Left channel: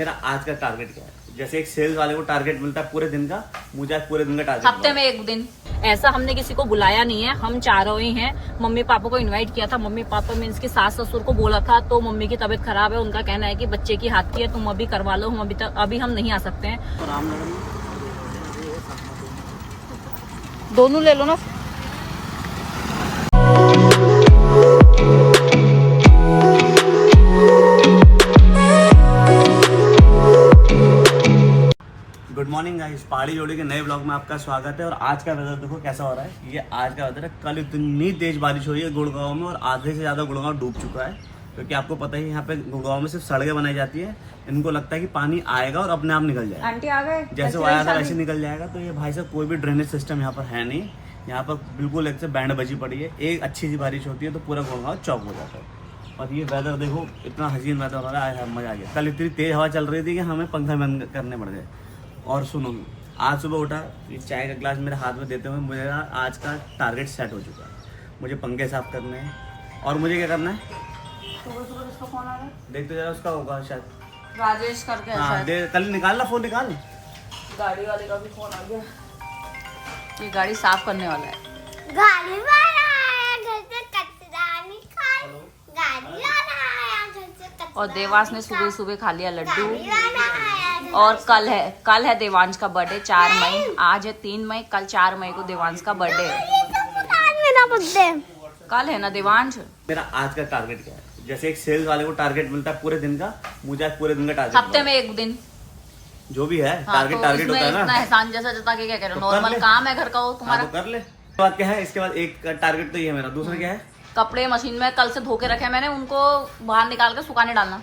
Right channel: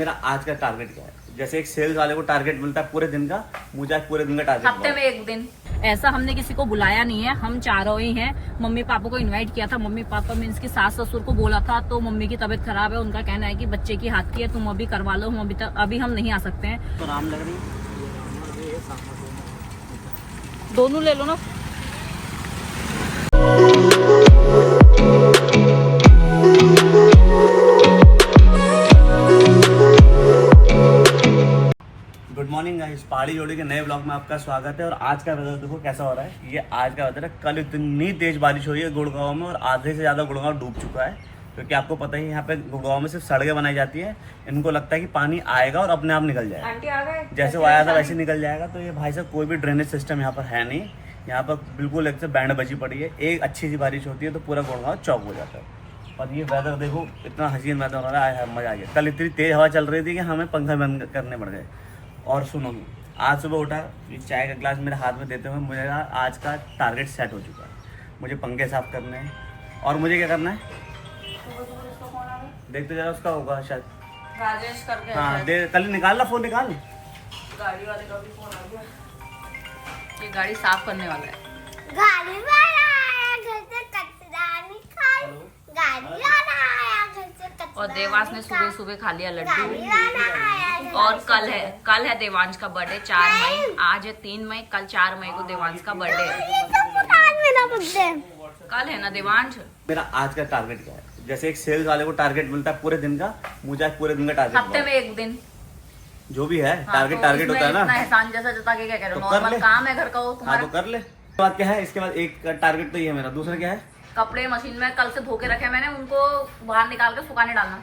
मेरा आज का टारगेट क्या है? जैसे एक सेल्स वाले को टारगेट मिलता है पूरे दिन का, मुझे आज पूरे दिन का टारगेट हफ्ते में एक दिन। ऐसा हमने किसी को बुलाया नहीं है, हम चारों ही हैं। मम्मी पापा को इनवाइट किया था। मम्मी पापा मीन्स की सास ससुर को बोला था, तो मम्मी की तबीयत खराब है। उनका कहना है कि बच्चे की हाथ की है, तुम अभी करवा लो, हम अभी हम नहीं आ सकते हैं। तो रामनगर में दोनों ले लो ना। गुड मॉर्निंग गाइस, पहाड़ी जोड़ी के नए ब्लॉग में आपका स्वागत है। और आज का वेदर देखो कैसा हो रहा है। ये आज का वेदर है। कल इतनी तेज बारिश हुई है गुड़गांव में, और आधे से ज़्यादा गुड़गांव डूब चुका है। क्योंकि आपको पता ही यहाँ पे गुड़गांव में सिर्फ सड़कें बनाई जाती है। इनको लगता है कि पानी आएगा और अपने आप निकल जाएगा। आंटी आ गए, जैसे वो आया था वैसे निकल जाएगा। तो ये भाई साहब कोई भी ड्रेनेज सिस्टम यहाँ पर है नहीं। यहाँ पर बिल्कुल एक से बैंड बजी पड़ी है। एक अच्छी सी बारिश होती है तो पूरा गुड़गांव चौक हो जाता है। और ये वेदर देखो, इतना हसीन वेदर हो रहा है, मज़ा आ गया। कल इतनी तेज़ हवा चल रही थी कि हमें पंखा बंद करने पड़ गए। और सुनो, आज सुबह उठा, ये चाय का ग्लास मेरे हाथ में देते हुए मुझे आज का टारगेट सेट हो चुका है। मुझे पंखे साफ करने हैं। और मुझे क्या करना है देखते जरा, उसका होगा शायद राजेश करके। हाँ दे, कल निकाल ला फोन, निकाल। गाड़ी वाले का भी फोन आ गया। ये गाड़ी साफ करने वाला है। गाड़ी वाला आया घर से कचरा निकाल, गाड़ी वाला आया घर से कचरा। और देवांश ने सुबह सुबह खा लिया लड्डू। गाड़ी वाला आया घर और कल है देवांश का बर्थडे 4 मई। आज है 3 मई, कल 4 मई को देवांश का बर्थडे है। ये सब आज मेरा बर्थडे। कल है ना देवांश। मेरा आज का टारगेट क्या है? जैसे एक सेल्स वाले को टारगेट मिलता है पूरे दिन का, मुझे आज पूरे दिन का टारगेट हफ्ते में एक दिन। जो भी है हाँ, टारगेट तो टारगेट इसमें होता है ना। इतना एहसान जैसा जता के क्या कह रहे हो, तो कर नॉर्मल ले। काम है घर का वो हाँ तुम्हारा। तो कर ले। इसके बाद क्या है? इसके बाद एक टारगेट तो ये है मेरा। दूसरा क्या है? कपड़े मशीन में कल से धो के रखे मैंने, उनको बाहर निकाल के सुखाने डालना।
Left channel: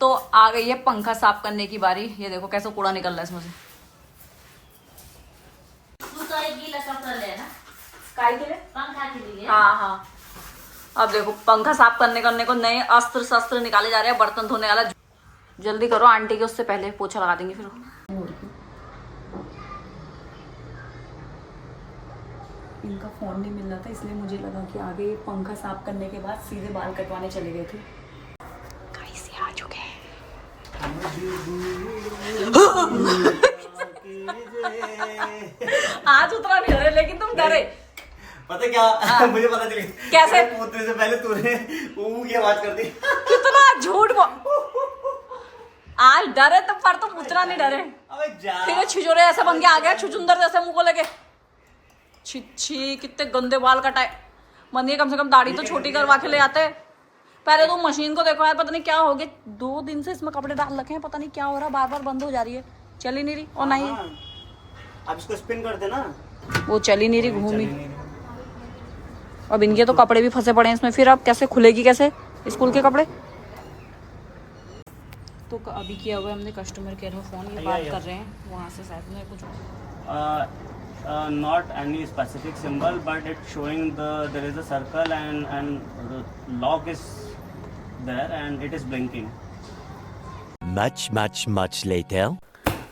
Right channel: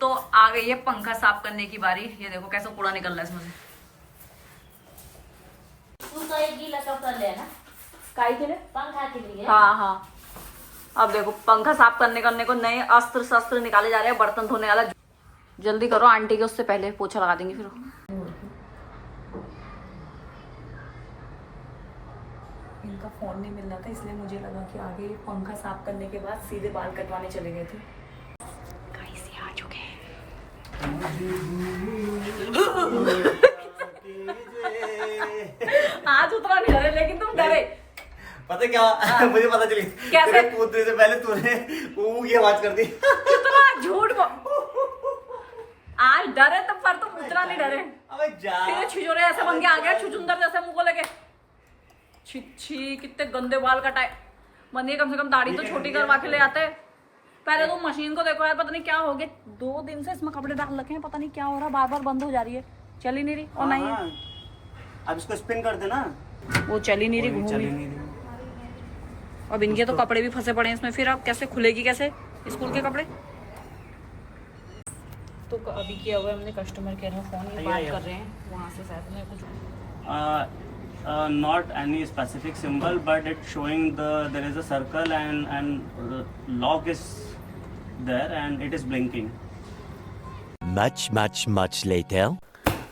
तो आ गई है पंखा साफ करने की बारी। ये देखो कैसे कूड़ा निकल रहा है इसमें से। हाँ हाँ, अब देखो पंखा साफ करने को नए अस्त्र शस्त्र निकाले जा रहे हैं। बर्तन धोने वाला जल्दी करो, आंटी के उससे पहले पोछा लगा देंगे फिर। इनका फोन नहीं मिल रहा था, इसलिए मुझे लगा कि आगे पंखा साफ करने के बाद सीधे बाल कटवाने चले गए थे। गाइस ये आ चुके हैं। आज उतना नहीं डरे, लेकिन तुम डरे। पता क्या मुझे पता चली कैसे? पूछने से पहले तूने ऊ की आवाज कर दी। कितना झूठ आज डरे तुम, पर तुम उतना नहीं डरे। अबे जा। फिर छिछोरे ऐसे बन के आ गया, छुचुंदर जैसे मुंह को लेके। छी कितने गंदे बाल कटाए। मंदिर कम से कम दाढ़ी तो छोटी करवा के ले आते। पहले तो मशीन को देखो यार, पता नहीं क्या हो गया। 2 दिन से इसमें कपड़े डाल रखे हैं, पता नहीं क्या हो रहा है, बार बार बंद हो जा रही है, चल ही नहीं रही। और नहीं, अब इसको स्पिन कर देना। वो चल ही नहीं रही, घूमी। अब इनके तो कपड़े भी फंसे पड़े हैं इसमें, फिर अब कैसे खुलेगी, कैसे स्कूल के कपड़े। तो अभी किया हुआ हमने कस्टमर केयर में फोन, ये बात कर रहे हैं वहाँ से शायद में कुछ। Not any specific symbol, but it's showing there is a circle and lock is there and it is blinking. Much later.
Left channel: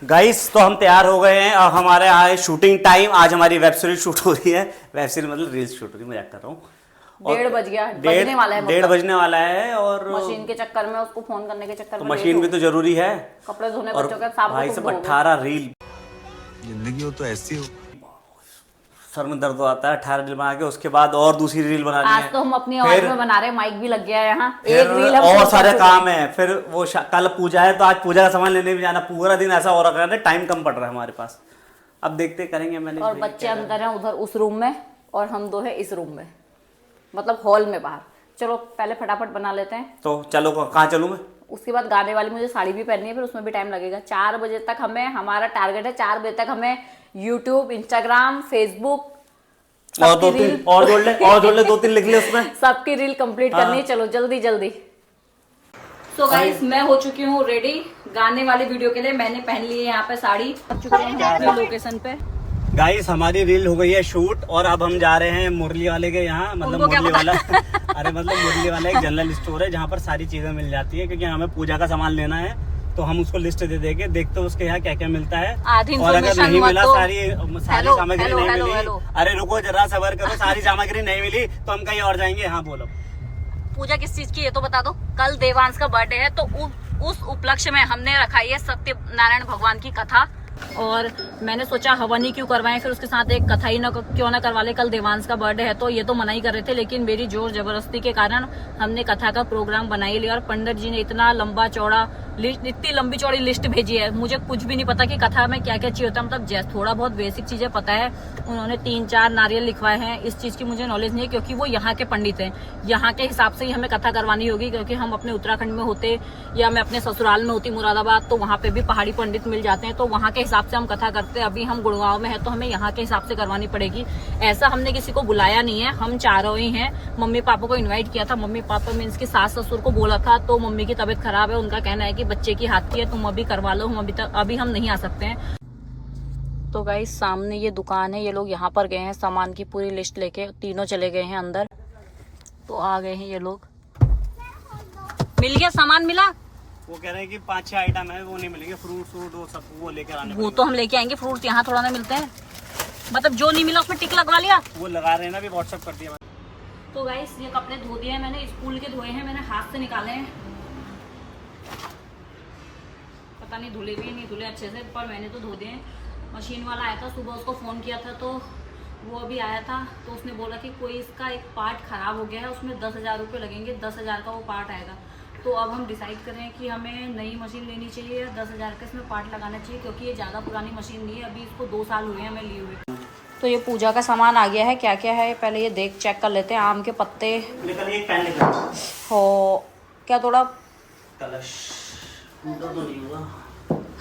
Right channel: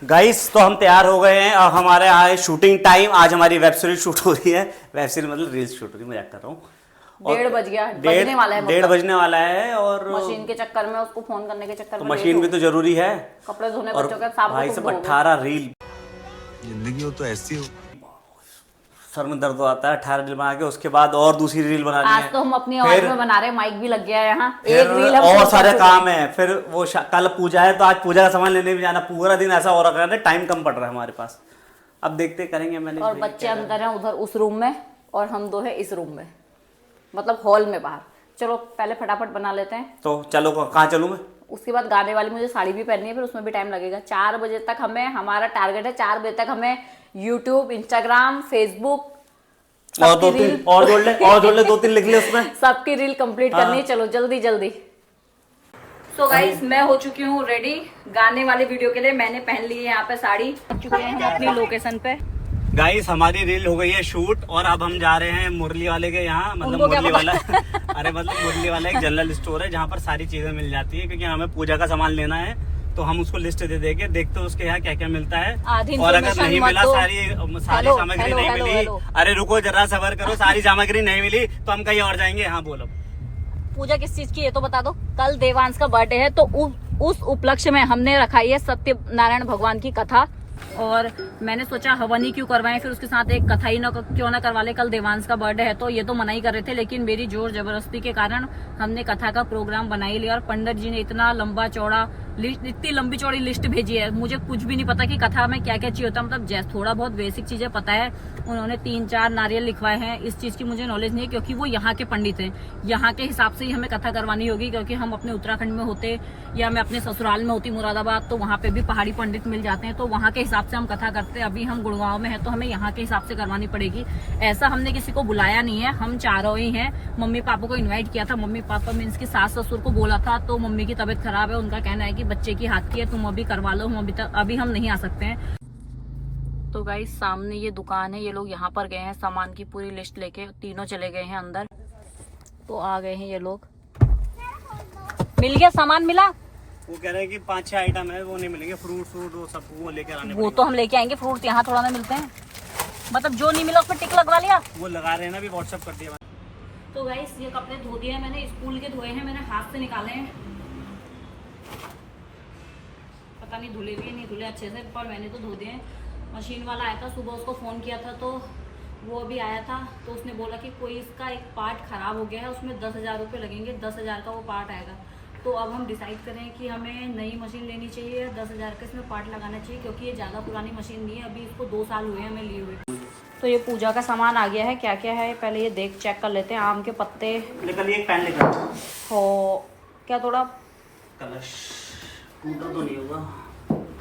Guys तो हम तैयार हो गए हैं और हमारे यहाँ है शूटिंग टाइम। आज हमारी वेब सीरीज शूट हो रही है। वेब सीरीज मतलब रील्स शूट हो रही है, मजाक कर रहा हूँ। 1:30 बज गया, बजने वाला है, 1:30 बजने वाला है। और मशीन के चक्कर में, उसको फोन करने के चक्कर तो में मशीन भी तो जरूरी है। कपड़े धोने और बच्चों के साफ भाई सब 18 रील। जिंदगी हो तो ऐसी हो। सर में दर्द आता है। 18 रील बना के उसके बाद और दूसरी रील बनानी है। आज तो हम अपनी आवाज में बना रहे हैं, माइक भी लग गया है यहाँ। एक फिर रील हम और शूट सारे कर काम है। फिर वो कल पूजा है तो आज पूजा का सामान लेने भी जाना। पूरा दिन ऐसा हो रखा है, टाइम कम पड़ रहा है हमारे पास। अब देखते करेंगे मैंने। और बच्चे अंदर हैं उधर उस रूम में, और हम 2 है इस रूम में, मतलब हॉल में बाहर। चलो पहले फटाफट बना लेते हैं। तो चलो, कहाँ चलूँ मैं? उसके बाद गाने वाली मुझे साड़ी भी पहननी है, फिर उसमें भी टाइम लगेगा। 4 बजे तक हमें, हमारा टारगेट है 4 बजे तक हमें यूट्यूब, इंस्टाग्राम, फेसबुक और 2-3 और जोड़ ले, और जोड़ ले 2-3 लिख ले उसमें। सबकी रील कंप्लीट करनी है। चलो जल्दी जल्दी। तो गाइस मैं हो चुकी हूँ रेडी गाने वाले वीडियो के लिए। मैंने पहन ली है यहाँ पे साड़ी। पहुंच चुके हैं हम अपनी लोकेशन पे। गाइस हमारी रील हो गई है शूट और अब हम जा रहे हैं मुरली वाले के यहाँ। मतलब उनको क्या मुरली वाला अरे मतलब मुरली वाला एक जनरल स्टोर है जहाँ पर सारी चीजें मिल जाती है। क्योंकि हमें पूजा का सामान लेना है तो हम उसको लिस्ट दे देंगे, देखते हैं उसके यहाँ क्या क्या मिलता है। आधी और अगर information नहीं मत मिला, दो। सारी सामग्री नहीं मिली, अरे रुको जरा सबर करो, सारी सामग्री नहीं मिली तो हम कहीं और जाएंगे। हाँ बोलो। पूजा किस चीज की है तो बता दो। कल देवांश का बर्थडे है, तो उस उपलक्ष्य में हमने रखाई है सत्यनारायण भगवान की कथा। और मैंने सोचा हवन ही क्यों करवाएं, फिर उसके साथ एक कथा ही क्यों ना करवा ले। कल देवांश का बर्थडे है तो ये तो मना ही कर रहे थे, लेकिन मेरी जोर जबरदस्ती के कारण हमने कथा का प्रोग्राम बना ही लिया। और पंडित जी ने इतना लंबा चौड़ा लिस्ट, इतनी लंबी चौड़ी लिस्ट भेजी है। मुझे कुछ भी नहीं पता कि कथा में क्या क्या चाहिए होता है, मतलब जैसे थोड़ा बहुत बेसिक चीजें पता है। उन्होंने 3-4 नारियल लिखवाए हैं। इस चीज की मुझे नॉलेज नहीं है क्योंकि वो यहाँ के पंडित हैं। यहाँ के हिसाब से ही हमें कथा करवानी होगी, क्योंकि हम अपने उत्तराखंड में होते या मैं अपने ससुराल में होती मुरादाबाद, तो वहाँ पे भी पहाड़ी पंडित मिल जाते हैं, तो वहाँ के हिसाब से हम कथा करते हैं। अभी हम गुड़गांव में है तो हमें यहाँ के हिसाब से करवानी पड़ेगी। ऐसा हमने किसी को बुलाया नहीं है, हम चारों ही हैं। मम्मी पापा को इन्वाइट किया था। मम्मी पापा मीन्स की सास ससुर को बोला था, तो मम्मी की तबीयत खराब है। उनका कहना है कि बच्चे की हाथ की है, तुम अभी करवा लो, हम अभी हम नहीं आ सकते हैं। तो गाइस सामने ये दुकान है, ये लोग यहाँ पर गए हैं सामान की पूरी लिस्ट लेके, तीनों चले गए हैं अंदर। तो आ गए हैं ये लोग। मिल गया सामान, मिला? वो कह रहे हैं कि 5-6 आइटम है, वो नहीं मिलेंगे। फ्रूट वो सब वो लेकर आने वो तो हम लेके आएंगे, फ्रूट यहाँ थोड़ा ना मिलते हैं। मतलब जो नहीं मिला उसमें टिक लगवा लिया। वो लगा रहे हैं ना, भी व्हाट्सएप कर दिया। तो गाइस ये कपड़े धो दिए हैं मैंने, स्कूल के धोए हैं, मैंने हाथ से निकाले हैं। पता नहीं धुले भी नहीं धुले अच्छे से, पर मैंने तो धो दिए हैं। मशीन वाला आया था सुबह, उसको फ़ोन किया था तो वो अभी आया था, तो उसने बोला कि कोई इसका एक पार्ट ख़राब हो गया है, उसमें 10,000 रुपये लगेंगे, 10,000 का वो पार्ट आएगा। तो अब हम डिसाइड करें कि हमें नई मशीन लेनी चाहिए या 10,000 का इसमें पार्ट लगाना चाहिए, क्योंकि ये ज़्यादा पुरानी मशीन नहीं है, अभी इसको 2 साल हुए हैं हमें लिए हुए। तो ये पूजा का सामान आ गया है, क्या क्या है पहले ये देख चेक कर लेते हैं। आम के पत्ते निकल, एक पेन लेकर हो, क्या थोड़ा कलश टूटा तो नहीं होगा।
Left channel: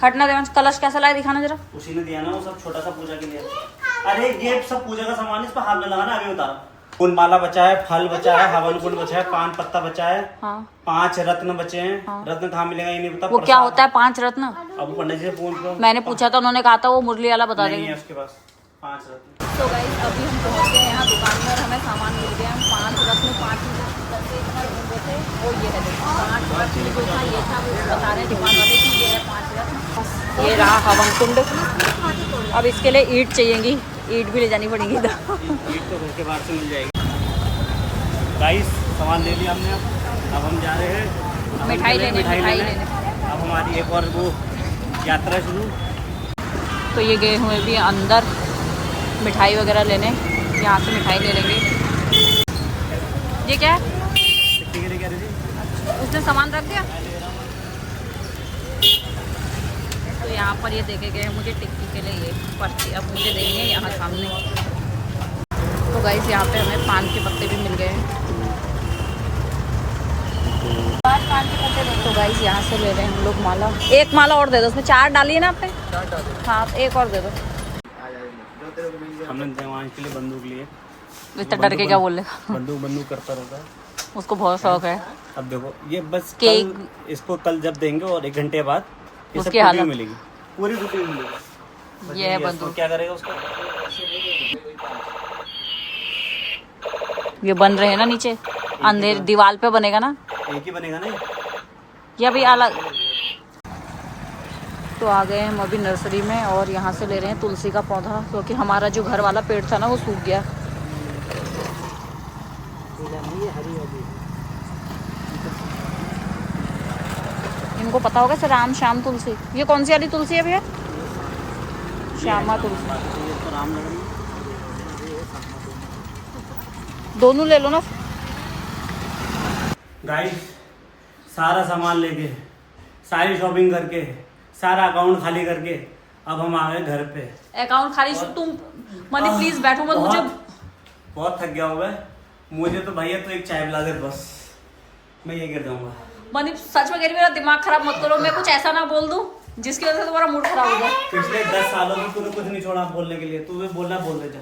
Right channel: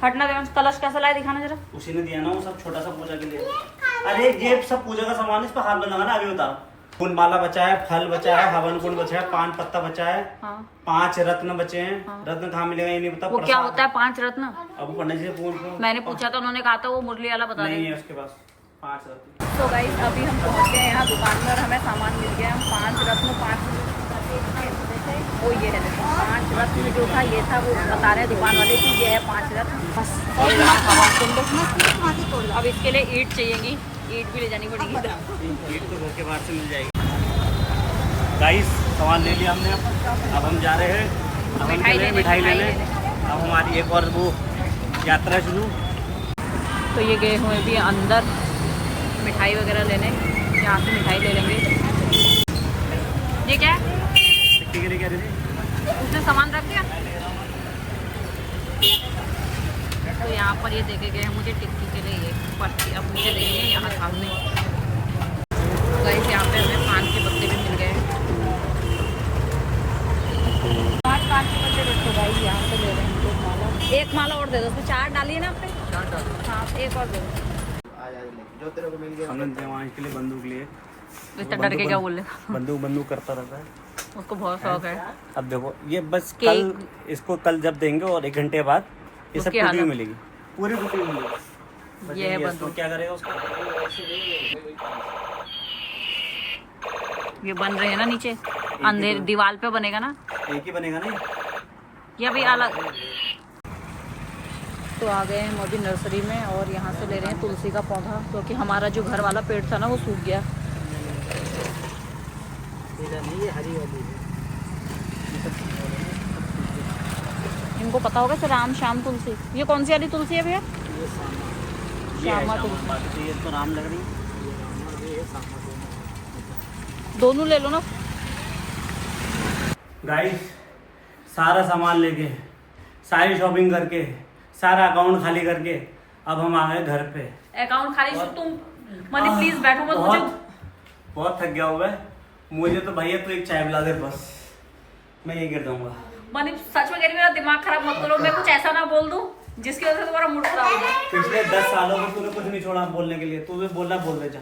हटना देवांश, कलश कैसा लाए दिखाना जरा। उसी ने दिया ना वो सब, छोटा सा पूजा के लिए। अरे ये सब पूजा का सामान इस पर हाथ में लगाना। अभी बता, फूल माला बचा है, फल बचा है, हवन कुंड बचा है, पान पत्ता बचा है, हाँ। 5 रत्न बचे हैं। हाँ। रत्न कहाँ मिलेगा ये नहीं पता। वो क्या होता है 5 रत्न? अब पंडित जी पूछ लो। मैंने पूछा था, उन्होंने कहा था वो मुरली वाला बता नहीं देंगे। है उसके पास 5 रत्न। तो गाइस अभी हम पहुंच गए यहाँ दुकान में और हमें सामान मिल गया। हम 5 रत्न 5 रत्न इतना ढूंढे थे, वो ये है देखो 5 रत्न जो था ये था, वो बता रहे हैं दुकान वाले कि ये है 5 रत्न। ये रहा हवन कुंड। अब इसके लिए ईंट चाहिएगी, ईंट भी ले जानी पड़ेगी। ईंट तो घर के बाहर से मिल जाएगी। गाइस सामान ले लिया हमने, अब हम जा रहे हैं मिठाई लेने। अब हमारी एक और वो यात्रा शुरू। तो ये गए हुए भी अंदर मिठाई वगैरह लेने, यहाँ से मिठाई ले लेंगे। ये क्या है? टिक्की के लिए क्या दीदी? उसने सामान रख दिया। तो यहाँ पर ये देखे गए हैं मुझे टिक्की के लिए ये पर्ची, अब मुझे देंगे यहाँ सामने। तो गाइस यहाँ पे हमें पान के पत्ते भी मिल गए हैं। तो गाइस यहाँ से ले रहे हैं हम लोग माला। एक माला और दे दो, उसमें 4 डाली है ना आपने? 4 डाली। हाँ एक और दे दो। हमने देवांश के लिए बंदूक लिए। इतना डर के क्या बोल रहे? बंदूक करता रहता है, उसको बहुत शौक है। अब देखो ये बस कल, इसको कल जब देंगे और 1 घंटे बाद ये सब टुकड़ी मिलेगी, पूरी टुकड़ी मिलेगी। ये है बंदूक। क्या करेगा उसका? ये बन रहे हैं ना नीचे, अंधेर दीवार पे बनेगा ना, एक ही बनेगा ना या भी अलग। तो आ गए हम अभी नर्सरी में और यहाँ से ले रहे हैं तुलसी का पौधा, क्योंकि हमारा जो घर वाला पेड़ था ना वो सूख गया। इनको पता होगा सर, राम श्याम तुलसी। ये कौन सी वाली तुलसी है भैया? श्यामा तुलसी। ये तो राम लग रही है। दोनों ले लो ना। गाइस सारा सामान लेके, सारी शॉपिंग करके, सारा अकाउंट खाली करके अब हम आ गए घर पे। अकाउंट खाली तुम मनी प्लीज बैठो मत, मुझे बहुत थक गया हुआ है मुझे तो। भैया तो एक चाय पिला दे बस, मैं ये गिर दूंगा। मनी सच में कह रही, मेरा दिमाग खराब मत करो, मैं कुछ ऐसा ना बोल दूं जिसकी वजह से तुम्हारा मूड खराब हो जाए। पिछले 10 सालों में तूने कुछ नहीं छोड़ा बोलने के लिए, तू बोलना बोल दे जा।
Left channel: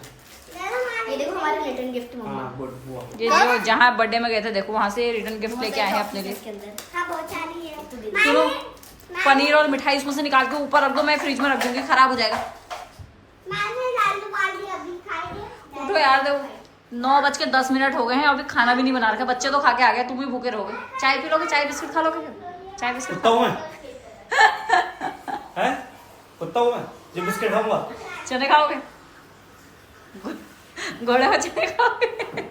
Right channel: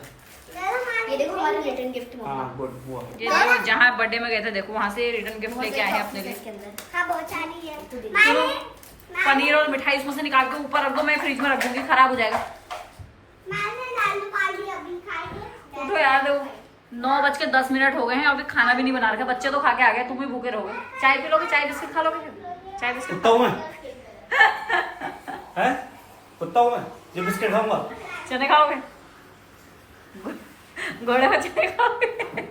ये देखो हमारा रिटर्न गिफ्ट हाँ गुड हुआ। ये जो जहाँ बर्थडे में गए थे देखो, वहाँ से रिटर्न गिफ्ट लेके आए हैं अपने लिए। हाँ बहुत सारी है। सुनो, पनीर और मिठाई इसमें से निकाल के ऊपर रख दो, मैं फ्रिज में रख दूंगी, खराब हो जाएगा। उठो यार, देखो 9:10 हो गए हैं, अभी खाना भी नहीं बना रखा, बच्चे तो खा के आ गए, तुम भी भूखे रहोगे। चाय पी लोगे? चाय बिस्किट खा लोगे? चाय बिस्किट कुत्ता हूँ मैं कुत्ता हूँ मैं जो बिस्किट खाऊंगा? चने खाओगे? घोड़े में चने खाओगे?